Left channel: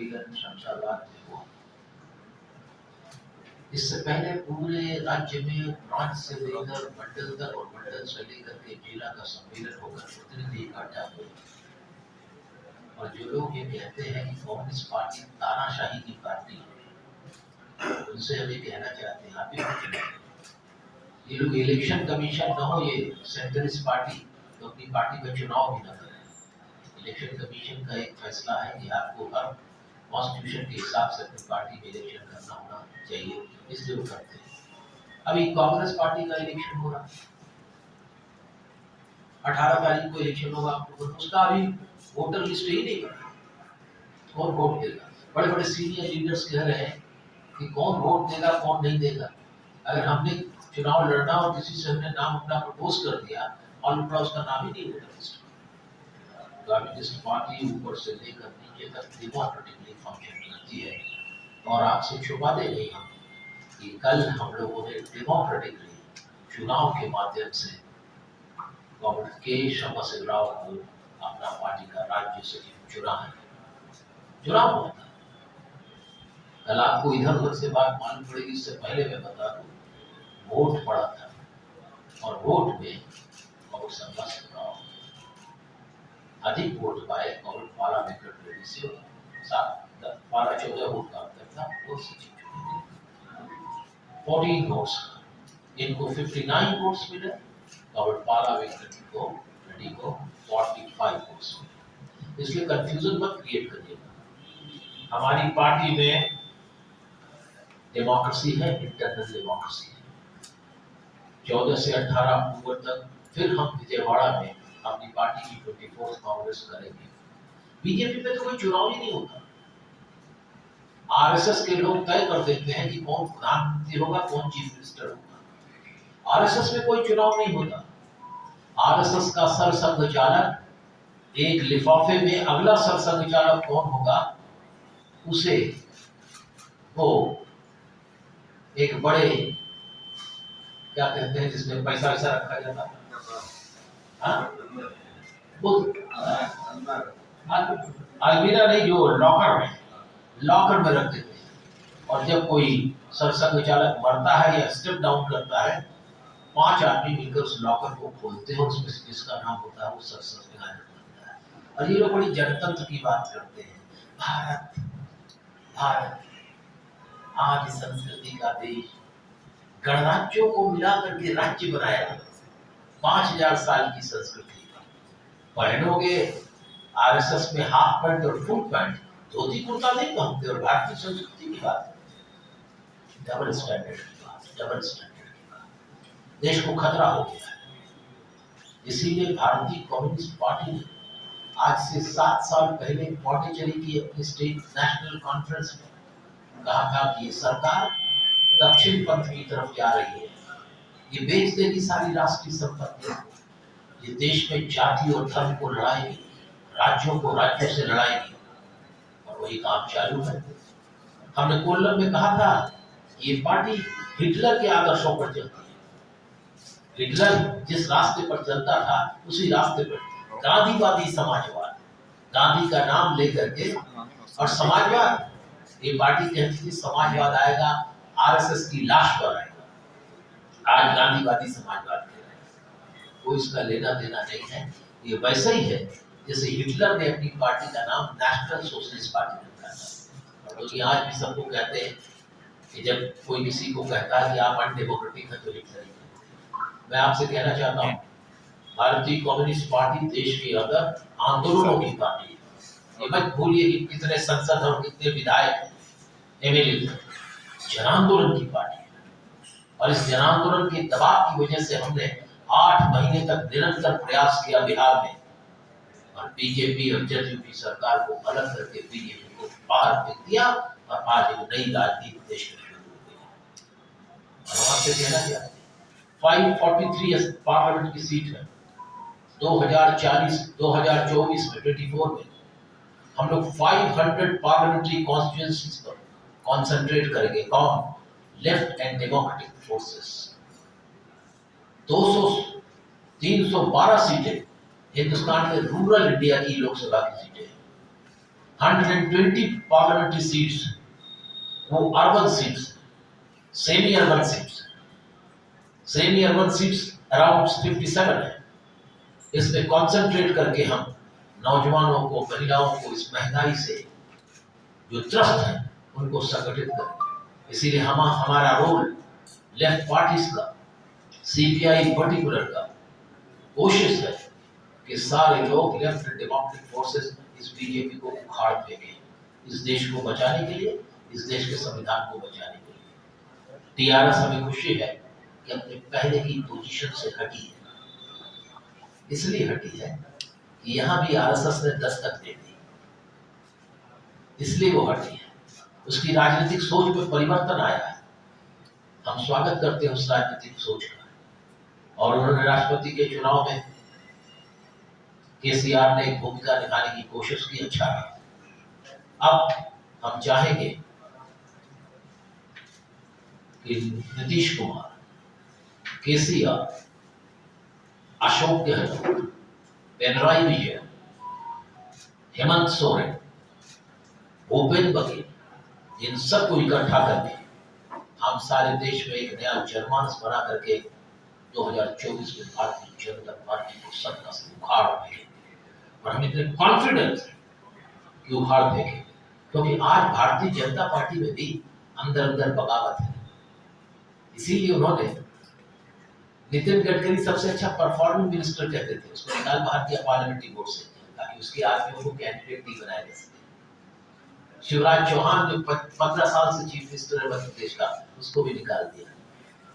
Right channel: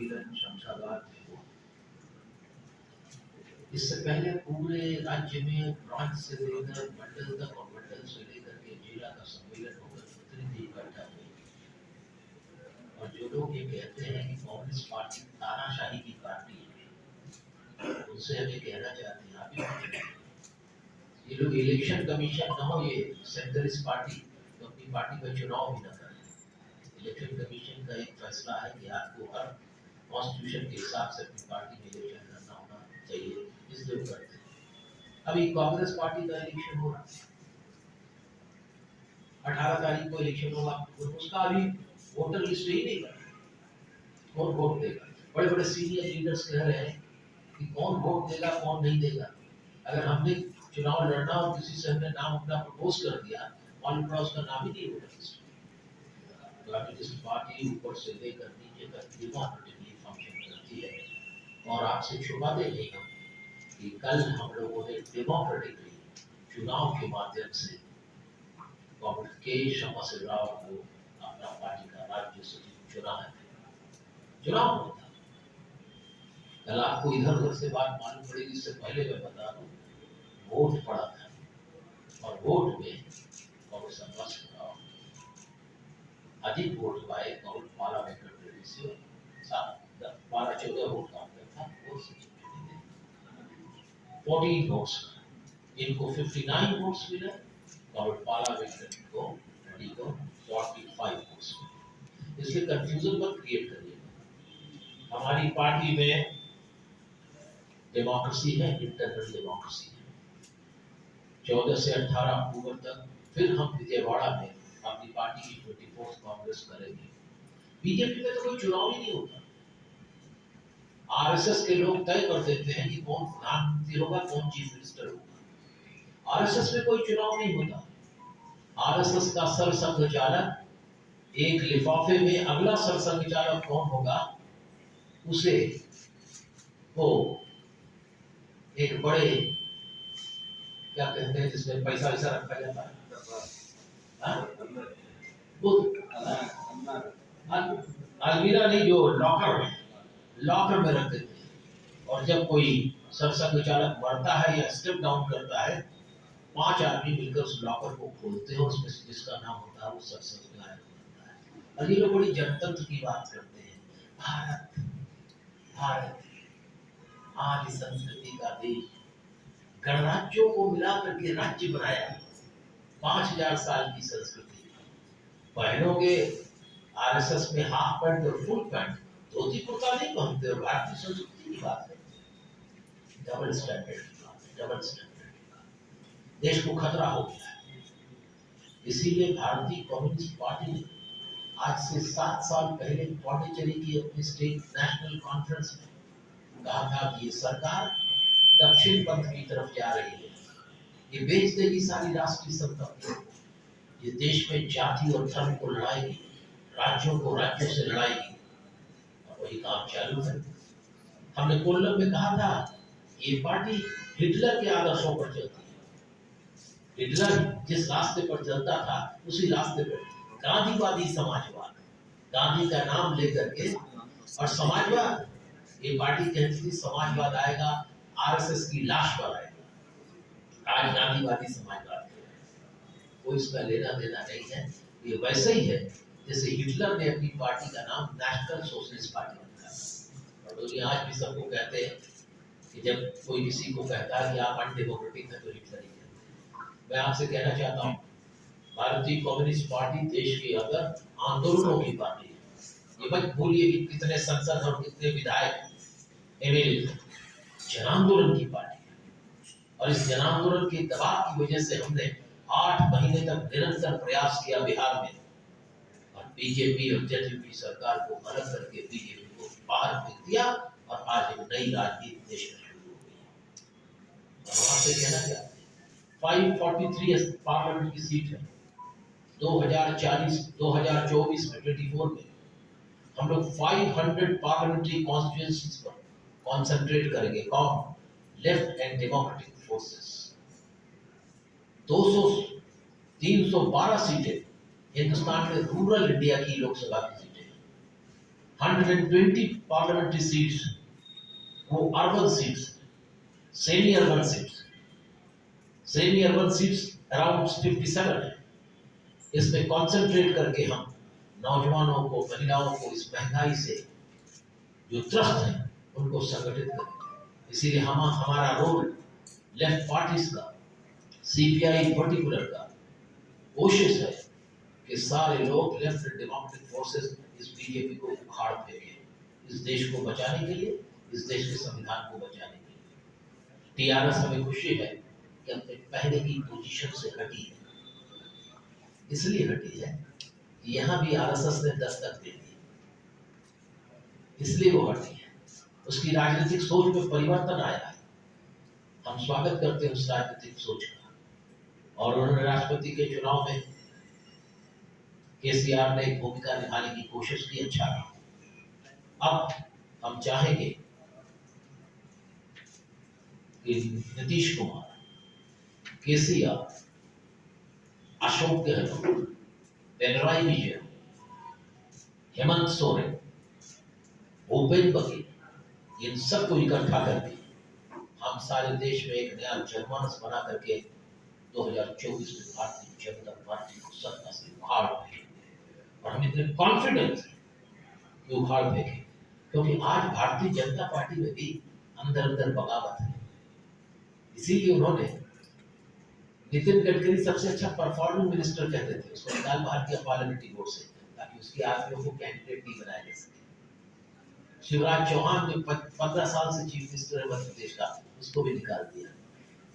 सम्मेलन शमशाबाद में हुआ। इससे पहले पूरे राज्य में ब्रांच से लेकर मंडल तक और मंडल से लेकर के जिला का सम्मेलन होकर प्रतिनिधि इकट्ठा हुए। और जो लोग ये कहते हैं कि कांग्रेस पार्टी तानाशाही की पार्टी है, उनसे हम ये कहना चाहते हैं, आप ये लोग इलेक्शन कमीशन न हो, ये सेंट्रलिस्ट पार्टी, तो अपनी पार्टी का चुनाव भी न करें। इलेक्शन कमीशन का एक फैसला है कि आपको हर कॉन्स्टिट्यूशन के हिसाब से अपनी पार्टी में इलेक्शन करना होना चाहिए, इसलिए वो करते हैं। अभी कांग्रेस पार्टी का इलेक्शन हो रहा है, 18 तारीख को इलेक्शन होगा, उसका अभी वोटर लिस्ट ही नहीं बना, कौन वोट देगा? बड़े बड़े सीनियर लीडर्स कह रहे हैं कि कौन वोट देगा कौन नहीं देगा। अगर हमने चुनाव लड़ना और किसी से हमने नाम अपना प्रपोज कर दिया, मालूम पड़ा उसका नाम ही नहीं वोटर लिस्ट। कम्युनिस्ट पार्टी ऊपर से लेकर नीचे तक डेमोक्रेटिकली फंक्शन करती है, और आपसे छुपाते नहीं हम कि कल हम लोगों ने डेमोक्रेटिकली चुनाव के माध्यम से डॉक्टर के श्यामासिंह राव को अपना पार्टी का राज्य सचिव चुना है। चुनाव हुआ था, कल आपको इधर उधर से बात मालूम पड़ेगी, इससे पहले मैं बता दूं, वोट पड़ा था और वोट में डॉक्टर श्यामासिंह राव अधिक वोट पाए। डॉक्टर पाला वेंकट रेड्डी से 12-14 वोट का अंतर था, वो सचिव चुने गए 14 वोट्स। इनको 59 वोट्स मिले, डॉक्टर पाला वेंकट रेड्डी को 45 वोट्स मिले। इसलिए कंफ्यूजन मत क्रिएट करिएगा। हमारी पार्टी में डेमोक्रेसी है, इंटरनल डेमोक्रेसी है। 14 से 18 अक्टूबर तक फिर हम विजयवाड़ा में अपनी पार्टी की 24th कांग्रेस करेंगे। बीजेपी में तो कोई चुनाव ही नहीं होता। आरएसएस के लोग तय कर देते हैं कि कौन प्रधानमंत्री होगा, कौन चीफ मिनिस्टर होगा। आरएसएस में कोई चुनाव नहीं होता। आरएसएस का सरसंघचालक एक लिफाफे में अगला सरसंघचालक कौन होगा, उसे वो एक बड़े क्या कहते हैं जिसमें पैसा वैसा रखा जाता है, वो अलमीरा नहीं, जो लॉकर में रख देते हैं। और जब कोई सरसंघ चालक मरता है या स्टेप डाउन करता है, 5 आदमी मिलकर उस लॉकर को खोलते हैं, उसमें जिसका नाम होता है वो सरसंघ बनता है। और ये लोग बड़ी जनतंत्र की बात करते हैं। भारत भारत आदि संस्कृति का देश, गणराज्यों को मिलाकर के राज्य बनाया, 5000 साल की संस्कृति। पहनोगे आरएसएस में हाफ पैंट और फुल पैंट, धोती कुर्ता नहीं पहनते और भारतीय संस्कृति की बात करते। डबल स्टैंडर्ड की बात, देश को खतरा हो गया है। इसीलिए भारतीय कम्युनिस्ट पार्टी ने आज से 7 साल पहले पौंडीचेरी की अपनी स्टेट नेशनल कॉन्फ्रेंस में कहा था कि ये सरकार दक्षिण पंथ की तरफ जा रही है, ये बेच देगी सारी राष्ट्रीय संपत्ति, ये देश में जाति और धर्म को लड़ाएगी, राज्यों को राज्यों से लड़ाएगी। और वही काम चालू है। हमने कोल्लम में कहा था कि ये पार्टी हिटलर के आदर्शों पर चलती है। हिटलर जिस रास्ते पर चलता था उसी रास्ते पर गांधीवादी समाजवाद, गांधी का नाम लेकर के, और समाजवाद, ये पार्टी कहती थी समाजवाद आएगा आरएसएस की लाश पर आएगा। आज गांधीवादी समाजवाद वो इसका लेना देना नहीं है। ये वैसे ही है जैसे हिटलर ने अपनी पार्टी का नाम नेशनल सोशलिस्ट पार्टी रखा था। तो ये आज भी सबको कहते हैं कि जब कोई किसी को कहता है कि आप अनडेमोक्रेटिक हैं तो हिटलर ही है। मैं आपसे कहना चाहता हूँ, भारतीय कम्युनिस्ट पार्टी देश के अंदर आंदोलनों की पार्टी है। ये मत भूलिए कि कितने संसद और कितने विधायक एमएलए जन आंदोलन की पार्टी है। और इस जन आंदोलन के दबाव की वजह से हमने 8 महीने तक निरंतर प्रयास किया बिहार में, और बीजेपी और जदयू की सरकार को अलग करके बीजेपी को बाहर फेंक दिया, और आज एक नई राजनीति देश में शुरू हो गई। और आपसे कहना चाहते हैं 543 पार्लियामेंट की सीट है। 2024 में 24 में हम लोग 500 पार्लियामेंट्री कॉन्स्टिट्यूएंसीज पर कॉन्सेंट्रेट करेंगे। कौन? Left and democratic forces. 312 सीटें हिंदुस्तान के रूरल इंडिया की लोकसभा की सीटें हैं। 120 पार्लियामेंट्री सीट्स वो urban seats, semi urban seats, semi urban seats around 57 है। इसमें कॉन्सेंट्रेट करके हम नौजवानों को, महिलाओं को इस महंगाई से जो त्रस्त है उनको संगठित करें। इसीलिए हमारा रोल लेफ्ट पार्टीज का, सीपीआई पर्टिकुलर का कोशिश है कि सारे लोग लेफ्ट डेमोक्रेटिक फोर्सेस इस बीजेपी को उखाड़ फेंके, इस देश को बचाने के लिए, इस देश के संविधान को बचाने के लिए। टीआरएस हमें खुशी है कि अपने पहले की पोजीशन से हटी है। इसलिए हटी है कि यहां भी आरएसएस ने दस्तक दे दी, इसलिए वो हटी है। उसकी राजनीतिक सोच में परिवर्तन आया है, हम स्वागत करते हैं उस राजनीतिक सोच का। और उन्होंने राष्ट्रपति के चुनाव में केसीआर ने एक भूमिका निभाने की कोशिश की, अच्छा रहा। अब हम चाहेंगे कि नीतीश कुमार, केसीआर, अशोक गहलोत, पिनराई विजयन, हेमंत सोरेन, भूपेंद्र बघेल, इन सबको इकट्ठा करके हम सारे देश में एक नया जनमानस बना करके 2024 में भारतीय जनता पार्टी को सत्ता से उखाड़ फेंकेंगे। और हम इतने कॉन्फिडेंट हैं कि उखाड़ फेंकेंगे, क्योंकि आज भारतीय जनता पार्टी में भी अंदर अंदर बगावत है। इसीलिए उन्होंने नितिन गडकरी सबसे अच्छा परफॉर्मिंग मिनिस्टर कहते थे, उसको निकाल बाहर किया पार्लियामेंट्री वोट से, ताकि उसके आदमियों को कैंडिडेट नहीं बनाया जा सके। शिवराज चौहान जो 15 साल से चीफ मिनिस्टर है मध्य प्रदेश का, उसको भी निकाल दिया।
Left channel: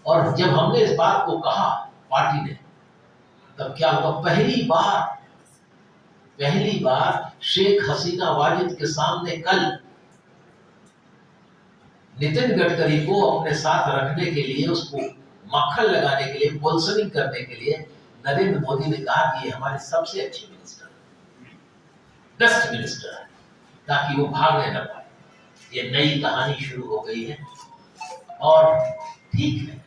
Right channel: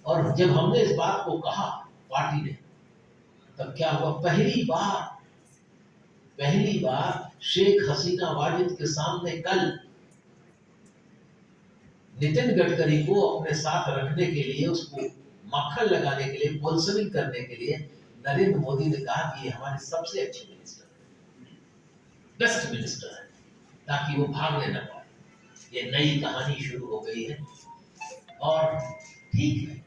और जब हमने इस बात को कहा पार्टी ने, तब क्या हुआ, पहली बार शेख हसीना वाजिद के सामने कल नितिन गडकरी को अपने साथ रखने के लिए, उसको मक्खन लगाने के लिए, पोल्सनिंग करने के लिए नरेंद्र मोदी ने कहा कि ये हमारे सबसे अच्छे मिनिस्टर, बेस्ट मिनिस्टर है, ताकि वो भागने न पाए। ये नई कहानी शुरू हो गई है। और ठीक है,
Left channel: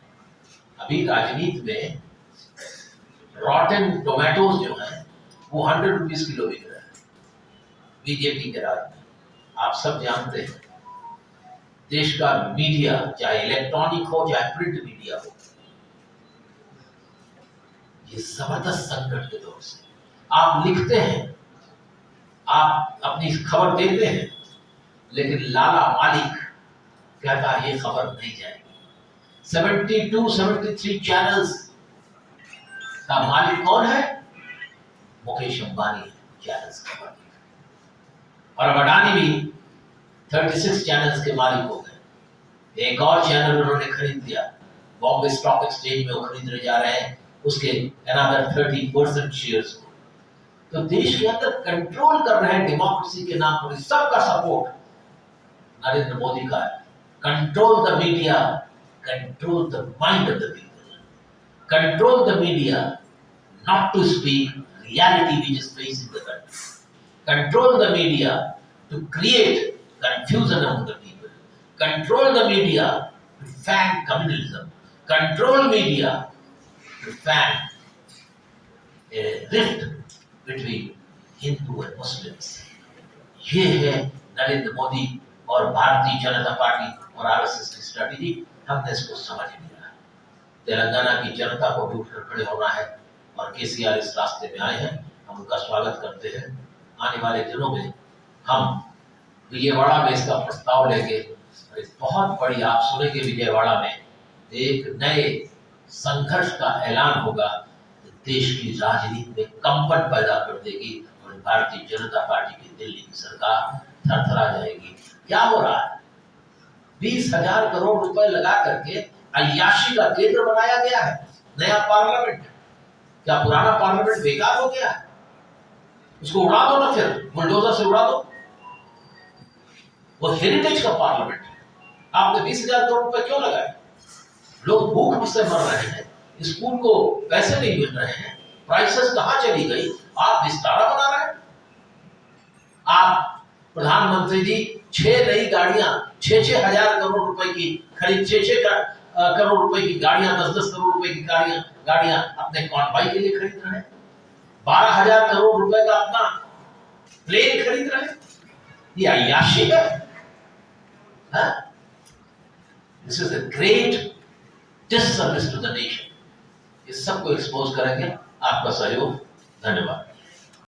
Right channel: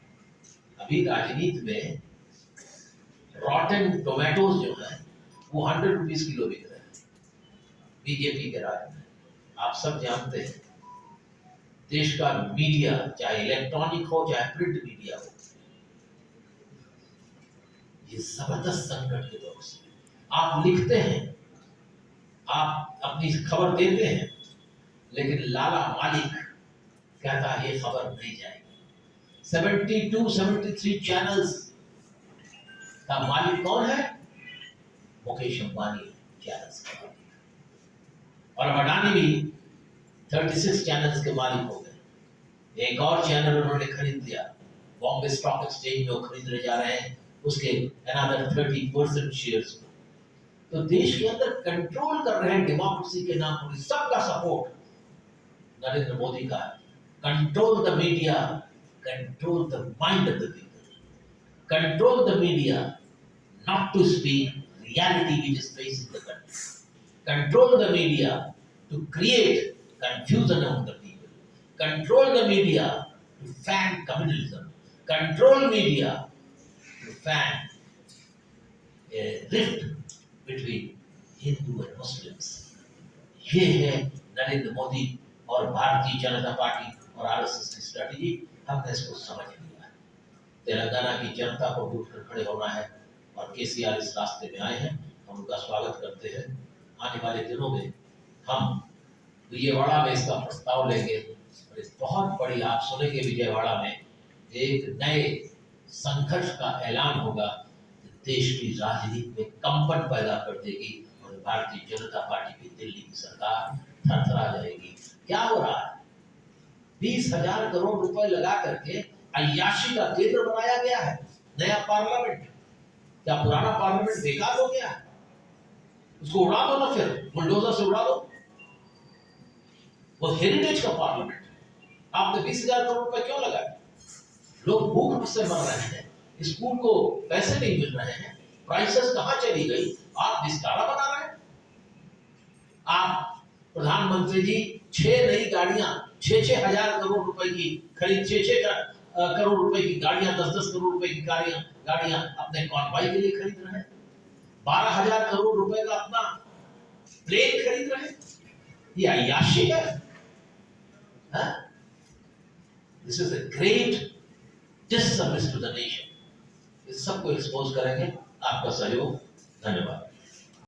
अभी राजनीति में रॉटन टोमेटोज जो है वो 100 रुपीज किलो बिक रहा है बीजेपी के राज में। आप सब जानते हैं देश का मीडिया, चाहे इलेक्ट्रॉनिक हो चाहे प्रिंट मीडिया हो, ये जबरदस्त संकट के दौर से आप लिखते हैं, आप अपनी खबर देते हैं, लेकिन लाला मालिक कहता है ये खबर नहीं जाएगी। 73 चैनल्स का मालिक कौन है? मुकेश अंबानी चैनल्स का मालिक। और अडानी भी 36 चैनल्स के मालिक हो गए। एक और चैनल उन्होंने खरीद लिया, बॉम्बे स्टॉक एक्सचेंज में वो खरीदने जा रहे हैं उसके अनदर 30% शेयर्स को। तो देश के अंदर कंट्रोल कर रहे हैं डेमोक्रेसी के नाम पर। सबका सपोर्ट नरेंद्र मोदी का है। Control the media, control the mind of the people, control the media not to speak reality which is facing the country, control the media to create confusion among the people, control the media to fan communalism, control media to fan a rift between Hindu and Muslims। ये है नरेंद्र मोदी और Bharatiya Janata party और RSS की strategy. हमने इसको समझ लिया। तेलंगाना की जनता को भी उठकर खड़े होना है और केसीआर इस रास्ते में आए हैं, हम उनका स्वागत करते हैं। आने वाले दिनों में हम विजयवाड़ा में इसका प्रस्ताव लेंगे और एक बहुत बड़ी, आप सुनेंगे विजयवाड़ा में एक नए संघर्ष का ऐलान होगा, देश की राजनीति में कंपन पैदा कर देगी और भारतीय जनता पार्टी की दिल्ली की सरकार थरथरा जाएगी। क्या हो रहा है? 20,000 करोड़ रुपए लगा करके अय्याशी का केंद्र बनाया गया है नया पार्लियामेंट। क्या पुराना पार्लियामेंट बेकार हो गया है? उसको उड़ा दो ना, फिर बुलडोजर से उड़ा दो। वो हेरिटेज का पार्लियामेंट है। आपने 20,000 करोड़ रुपए क्यों लगाए? लोग भूख से मर रहे हैं, स्कूल को पैसे नहीं मिल रहे हैं, प्राइसेस कहां चली गई? आप विस्तारा बना रहे हैं। आप प्रधानमंत्री जी 6 नई गाड़ियां, 6-6 हजार करोड़ रुपए की खरीद, 6-6 करोड़ रुपए की गाड़ियां, 10-10 करोड़ रुपए की गाड़ियां अपने कॉन्वाय के लिए खरीद रहे हैं। 12,000 करोड़ रुपए का अपना प्लेन खरीद रहे हैं। ये अय्याशी है। This is a great disservice to the nation. इस सबको एक्सपोज करेंगे। आपका सहयोग, धन्यवाद।